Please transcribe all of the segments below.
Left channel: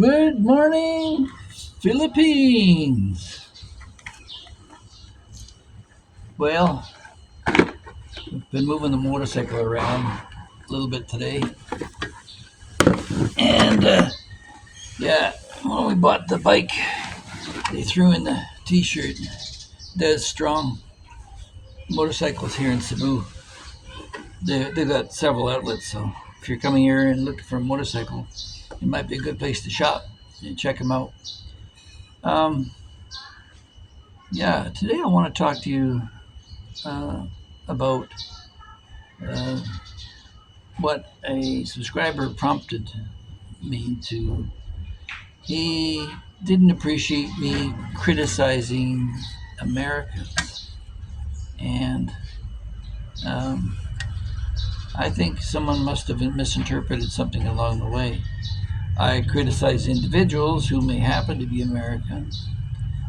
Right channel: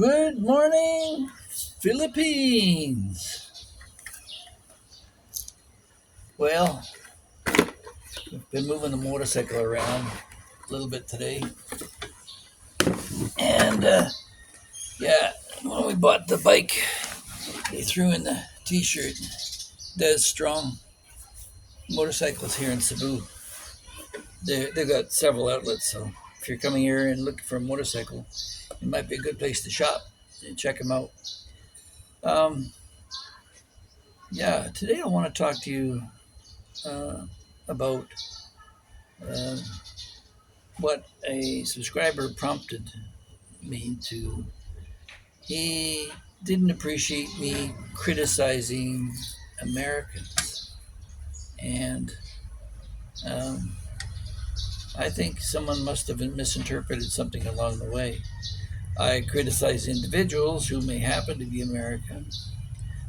Good morning, Philippines. Well, I've been moving the motorcycle around a little bit today, and yeah, when we bought the bike, they threw in the T-shirt. Des Strong Motorcycles here in Cebu. They've got several outlets, so if you're coming here and looking for a motorcycle, it might be a good place to shop and check them out. Um, yeah, today I want to talk to you uh, about uh, what a subscriber prompted me to. He didn't appreciate me criticizing Americans, and um, I think someone must have misinterpreted something along the way. I criticize individuals who may happen to be American.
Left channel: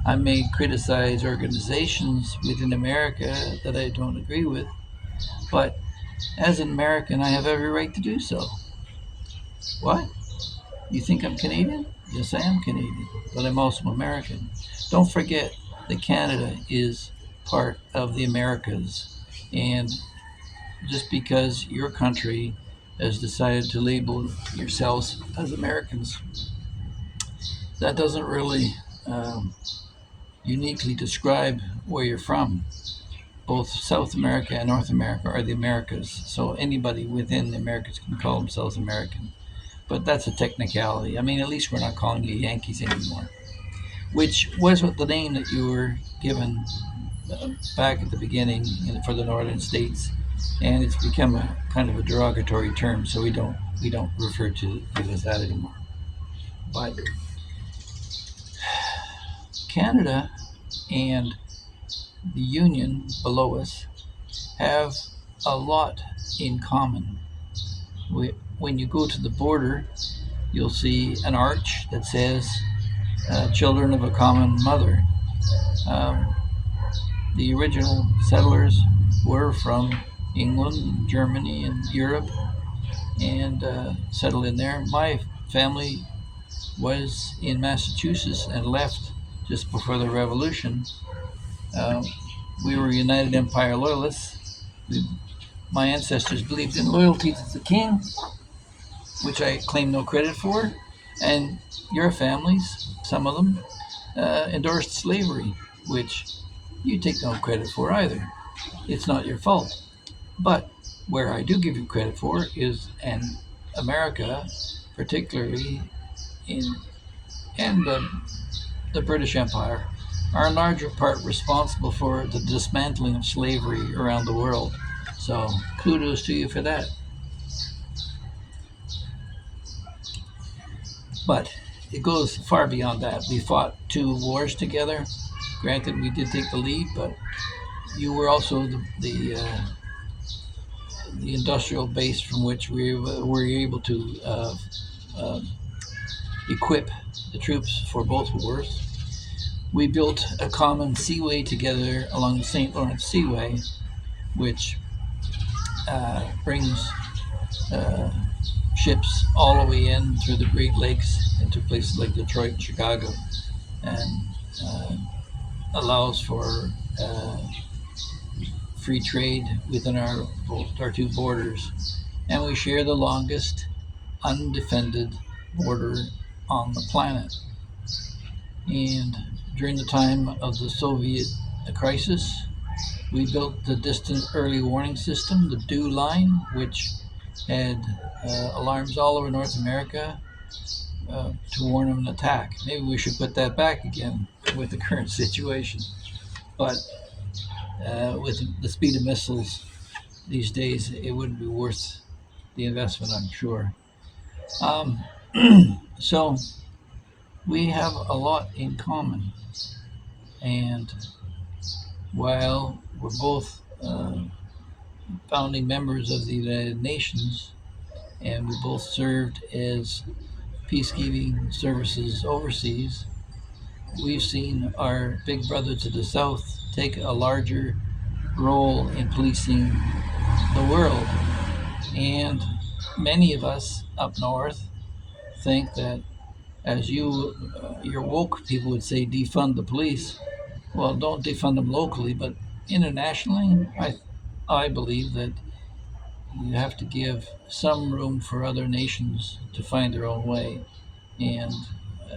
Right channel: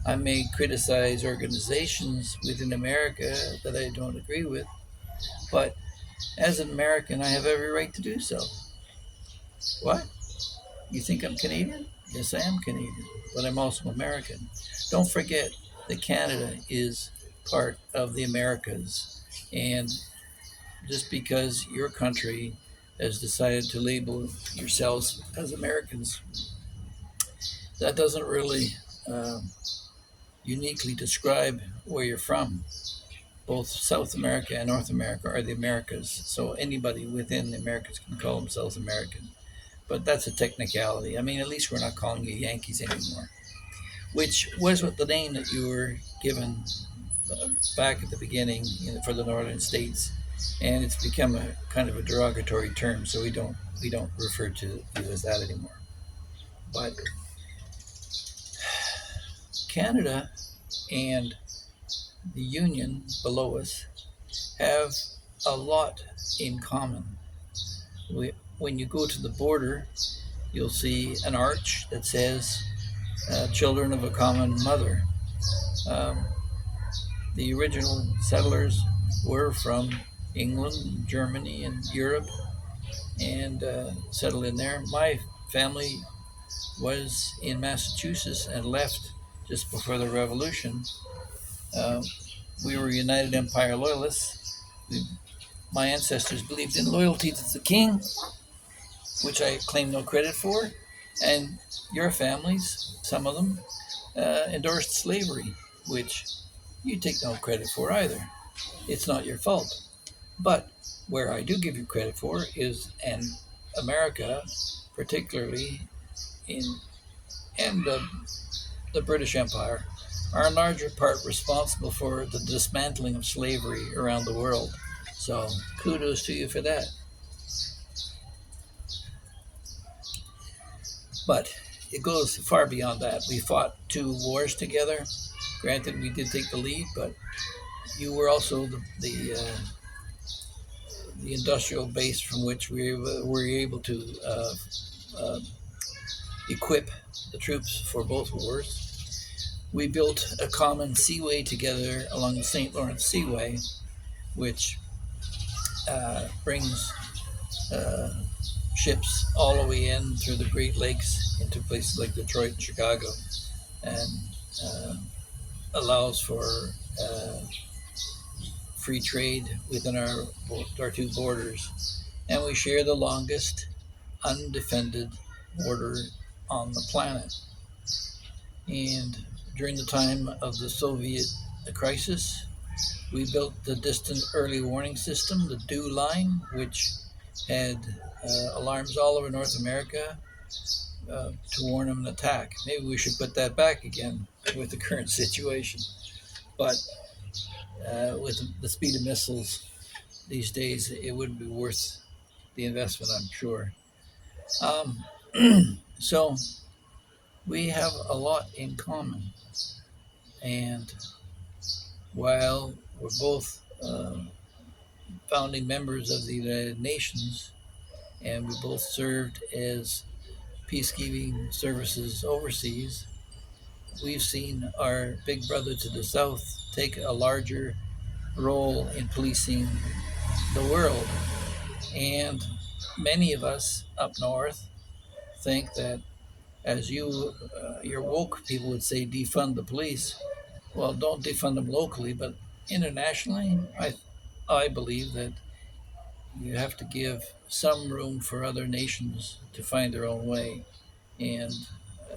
I may criticize organizations within America that I don't agree with, but as an American, I have every right to do so. What? You think I'm Canadian? Yes, I am Canadian, but I'm also American. Don't forget that Canada is part of the Americas. And just because your country has decided to label yourselves as Americans, that doesn't really um, uniquely describe where you're from. Both South America and North America are the Americas, so anybody within the Americas can call themselves American. But that's a technicality. I mean, at least we're not calling you Yankees anymore, which was what the name that you were given back at the beginning for the northern states, and it's become a kind of a derogatory term, so we don't refer to you as that anymore. But Canada and the Union below us have a lot in common. When you go to the border, you'll see an arch that says "Children of a Common Mother." Um, the original settlers were from England, Germany, and Europe, and settled in there. My family was in Massachusetts and left just before the Revolution. Uh, we were United Empire Loyalists. My ancestors believed in loyalty to the king, which I claim no credit for, and your families, some of them, endorsed slavery, which you take no credit for either. It's not your fault. But where I do give you credit for is in America, particularly in and the British Empire, are in larger part responsible for the dismantling of slavery around the world. So kudos to you for that. But it goes far beyond that. We fought two wars together. Granted, we did take the lead, but you were also the industrial base from which we were able to uh, equip the troops for both wars. We built a common seaway together along the St. Lawrence Seaway, which brings uh, ships all the way in through the Great Lakes into places like Detroit and Chicago, and uh, allows for uh, free trade within our two borders. And we share the longest undefended border on the planet. And during the time of the Soviet crisis, we built the distant early warning system, the DEW line, which had alarms all over North America to warn of an attack. Maybe we should put that back again with the current situation. But with the speed of missiles these days, it wouldn't be worth the investment, I'm sure. Um, so we have a lot in common. And while we're both founding members of the United Nations, and we both served as peacekeeping services overseas, we've seen our big brother to the south take a larger role in policing the world. And many of us up north think that as your woke people would say, defund the police. Well, don't defund them locally, but internationally, I believe that you have to give some room for other nations to find their own way, and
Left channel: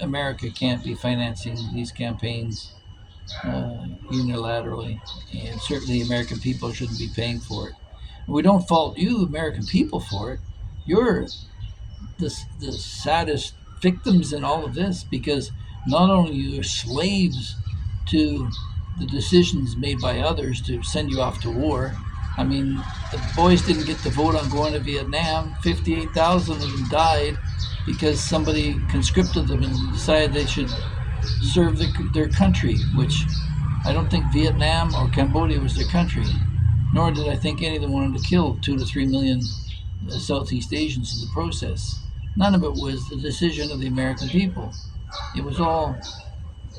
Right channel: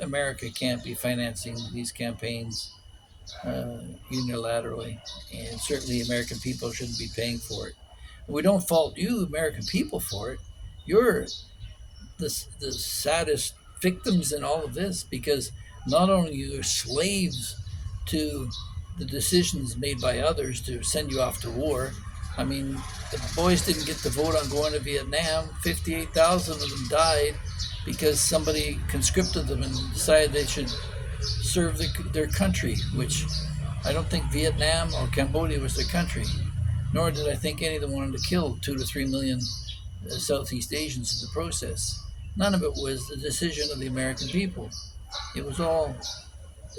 America can't be financing these campaigns unilaterally, and certainly American people shouldn't be paying for it. We don't fault you, American people, for it. You're the saddest victims in all of this because not only you're slaves to the decisions made by others to send you off to war. I mean, the boys didn't get to vote on going to Vietnam. 58,000 of them died because somebody conscripted them and decided they should serve their country, which I don't think Vietnam or Cambodia was their country, nor did I think any of them wanted to kill 2 to 3 million Southeast Asians in the process. None of it was the decision of the American people. It was all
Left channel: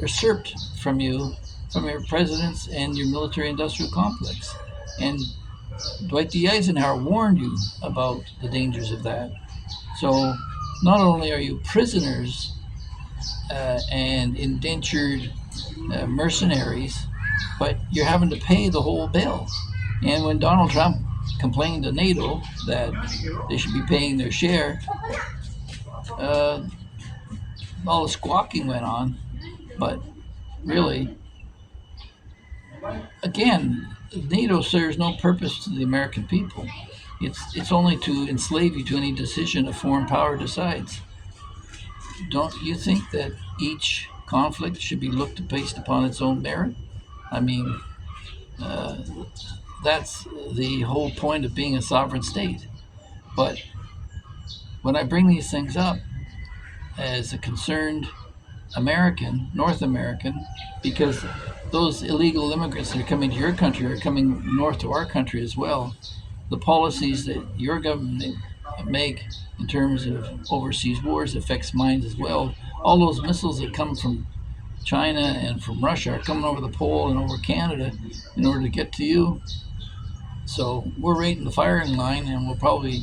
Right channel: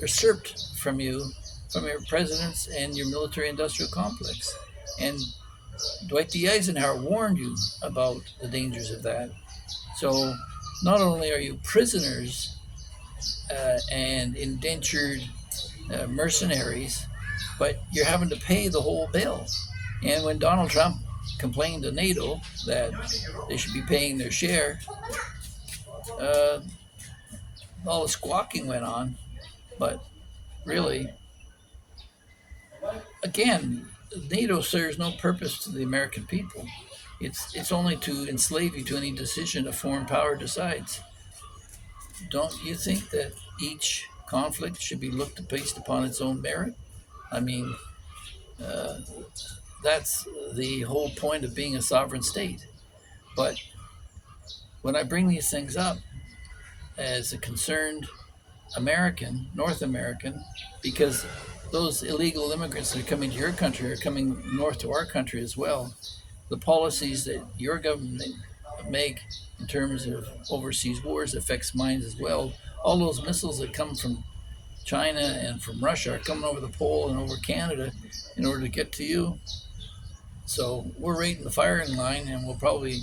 usurped from you, from your presidents and your military industrial complex. And Dwight D. Eisenhower warned you about the dangers of that. So not only are you prisoners and indentured mercenaries, but you're having to pay the whole bill. And when Donald Trump complained to NATO that they should be paying their share, all the squawking went on. But really, again, NATO serves no purpose to the American people. It's only to enslave you to any decision a foreign power decides. Don't you think that each conflict should be looked based upon its own merit? I mean, that's the whole point of being a sovereign state. But when I bring these things up as a concerned American, North American, because those illegal immigrants that are coming to your country are coming north to our country as well. The policies that your government make in terms of overseas wars affects mine as well. All those missiles that come from China and from Russia are coming over the pole and over Canada in order to get to you. So we're right in the firing line, and we'll probably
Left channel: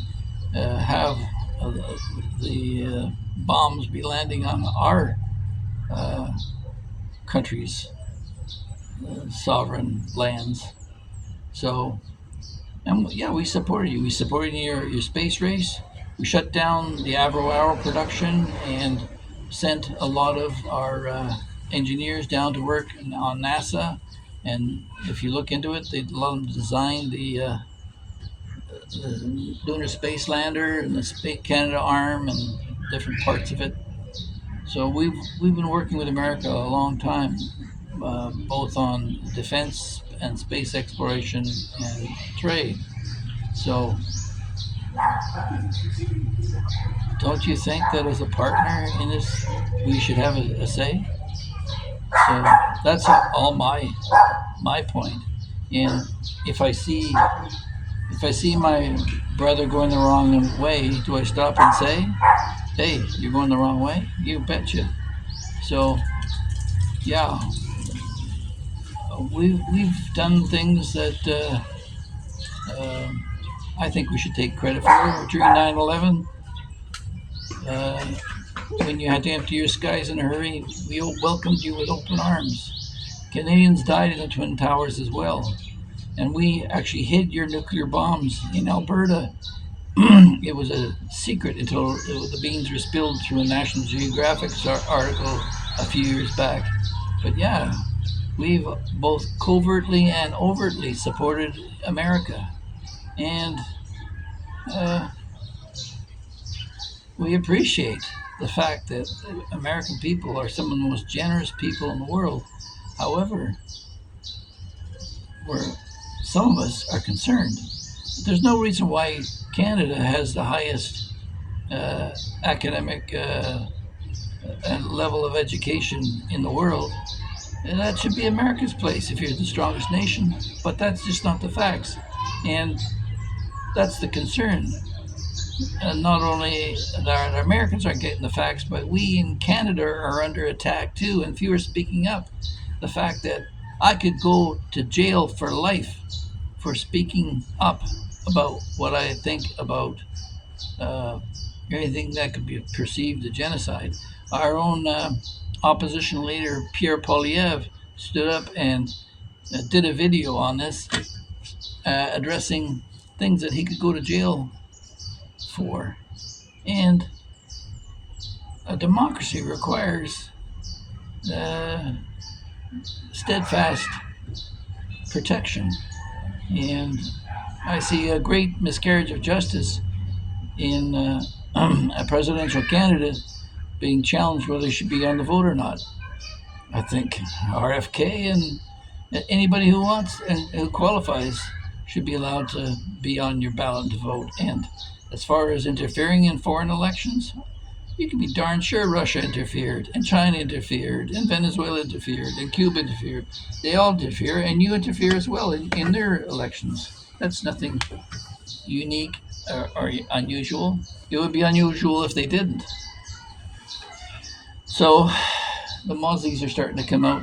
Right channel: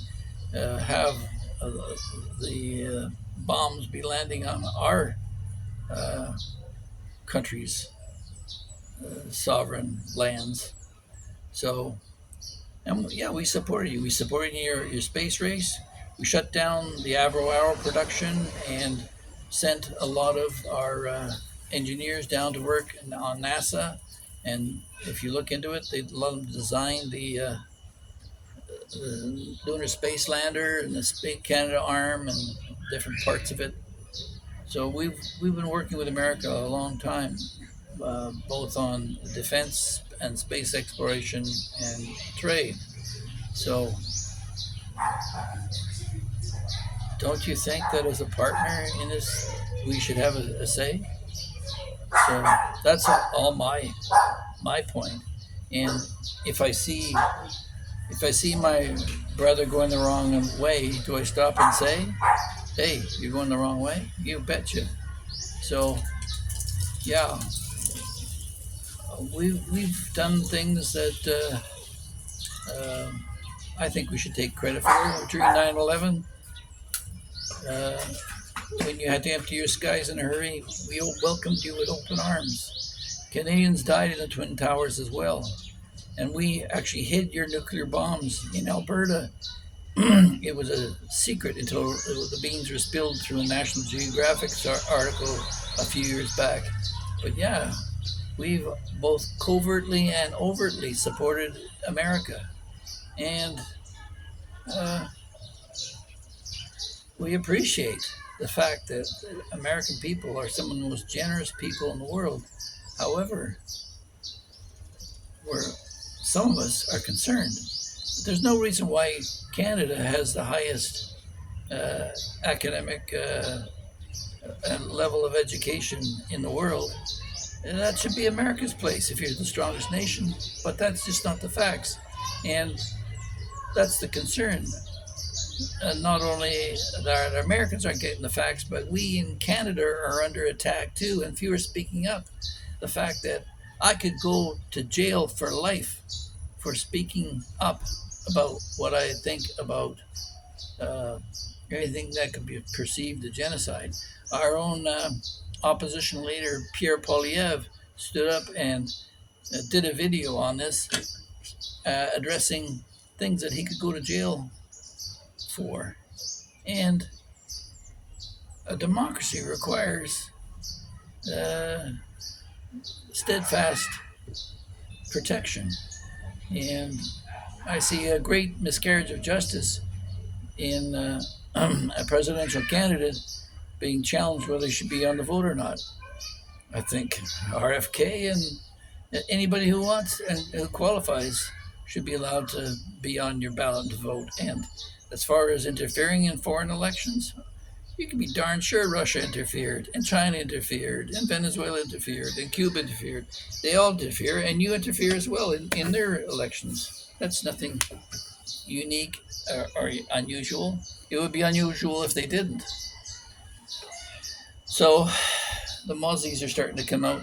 have the bombs be landing on our country's sovereign lands. So, and yeah, we supported you. We supported your space race. We shut down the Avro Arrow production and sent a lot of our engineers down to work on NASA. And if you look into it, they let them design the Lunar Space Lander and the Space Canada arm and different parts of it. So we've been working with America a long time, both on defense and space exploration and trade. So don't you think that as a partner in this, we should have a say? So that's all my point. And if I see my brother going the wrong way, do I stop and say, "Hey, you're going the wrong way"? You betcha. So, yeah, we've done things that I think we should take credit for. During 9/11, when you had to empty your skies in a hurry, we welcomed you with open arms. Canadians died in the Twin Towers as well. And we actually hid your nuclear bombs in Alberta. It was a secret until the beans were spilled through a National Geographic article a few years back. But yeah, we've both covertly and overtly supported America. And we appreciate the fact that American people are some of the most generous people in the world. However, some of us are concerned. There's no reason why Canada has the highest academic level of education in the world. And that should be America's place if you're the strongest nation. But that's just not the facts. And that's the concern. And not only the Americans aren't getting the facts, but we in Canada are under attack too, and few are speaking up. The fact that I could go to jail for life for speaking up about what I think about anything that could be perceived as genocide. Our own opposition leader, Pierre Poilievre, stood up and did a video on this, addressing things that he could go to jail for. And a democracy requires steadfast protection. And I see a great miscarriage of justice in a presidential candidate being challenged whether he should be on the vote or not. I think RFK and anybody who wants and who qualifies should be allowed to be on your ballot to vote. And as far as interfering in foreign elections, you can be darn sure Russia interfered, and China interfered, and Venezuela interfered, and Cuba interfered. They all interfere, and you interfere as well in their elections. That's nothing unique or unusual. It would be unusual if they didn't. So the mozzies are starting to come out.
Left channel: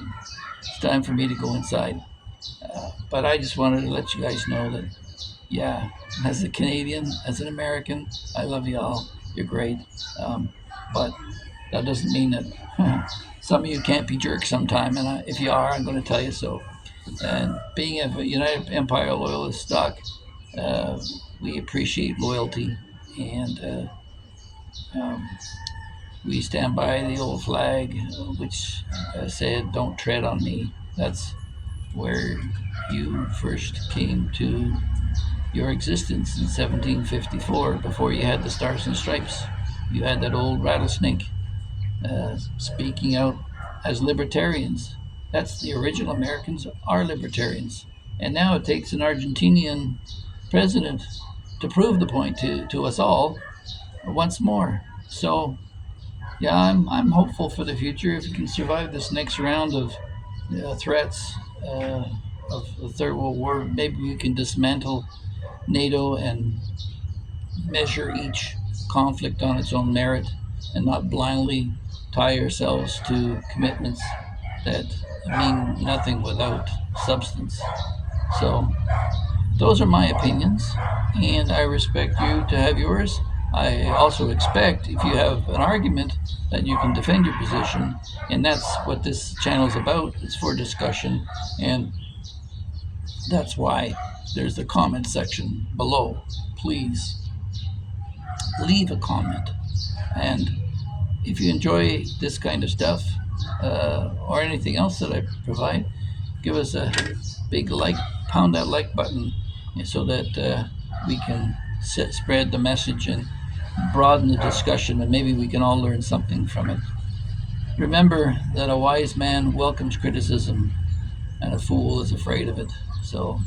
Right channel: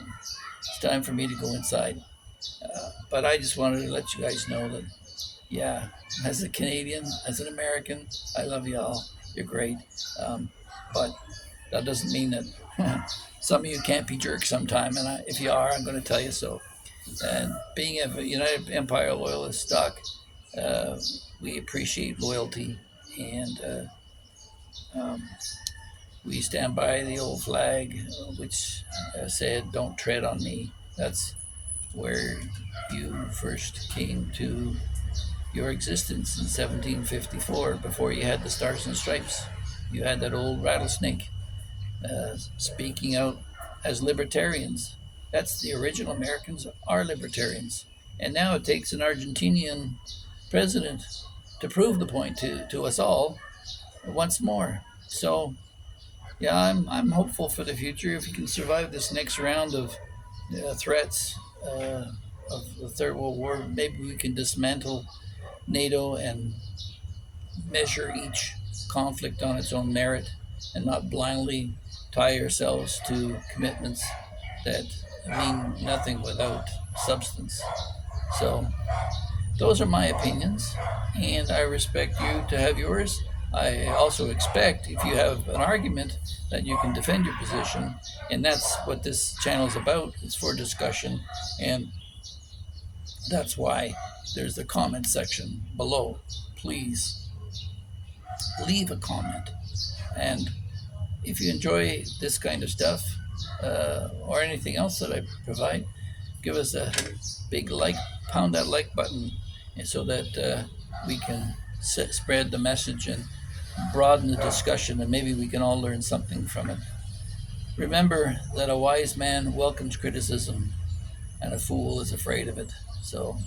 It's time for me to go inside. But I just wanted to let you guys know that, yeah, as a Canadian, as an American, I love you all. You're great. But that doesn't mean that some of you can't be jerks sometime. And if you are, I'm going to tell you so. And being a United Empire Loyalist stock, we appreciate loyalty, and we stand by the old flag, which said, "Don't tread on me." That's where you first came to your existence in 1754, before you had the Stars and Stripes. You had that old rattlesnake speaking out as libertarians. That's the original Americans are libertarians. And now it takes an Argentinian president to prove the point to us all once more. So, yeah, I'm hopeful for the future. If you can survive this next round of threats of the Third World War, maybe we can dismantle NATO and measure each conflict on its own merit, and not blindly tie ourselves to commitments that mean nothing without substance. So those are my opinions, and I respect you to have yours. I also expect, if you have an argument, that you can defend your position, and that's what this channel is about. It's for discussion, and that's why there's the comment section below. Please leave a comment, and if you enjoy this kind of stuff or anything else that I provide, give us a big like, pound that like button, so that we can spread the message and broaden the discussion, and maybe we can all learn something from it. Remember that a wise man welcomes criticism and a fool is afraid of it. So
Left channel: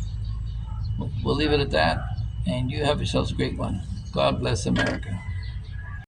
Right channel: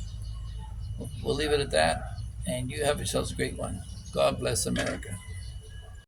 we'll leave it at that, and you have yourselves a great one. God bless America.